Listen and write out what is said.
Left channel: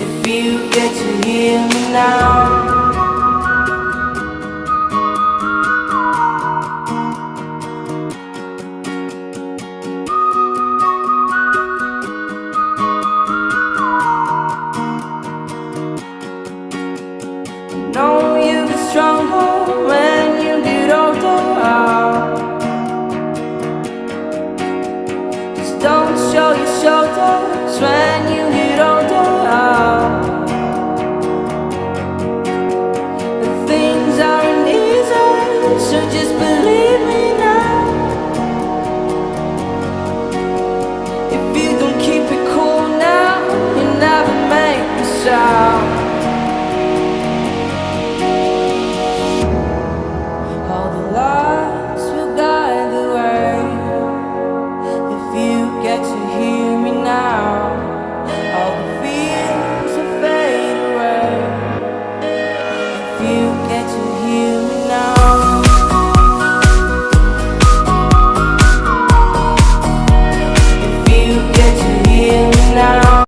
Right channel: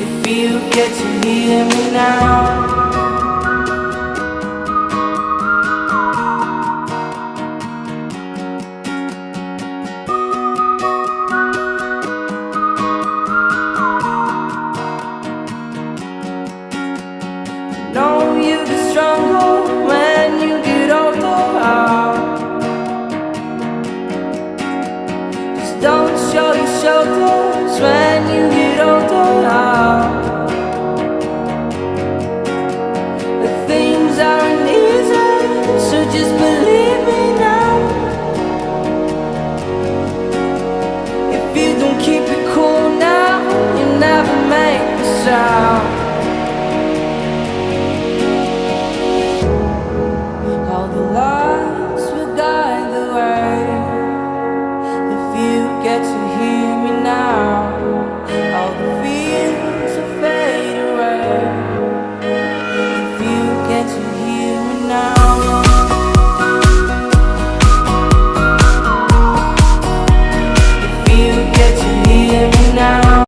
if you get to hear me now. I know you get stronger when you get older. Just don't show your shoulders when you get older. Things aren't easy, so just believe me now. If you don't keep it cool now, you never make a sound. All the lights will guide the way. If you get to hear me now, all the fears will fade away. If you get to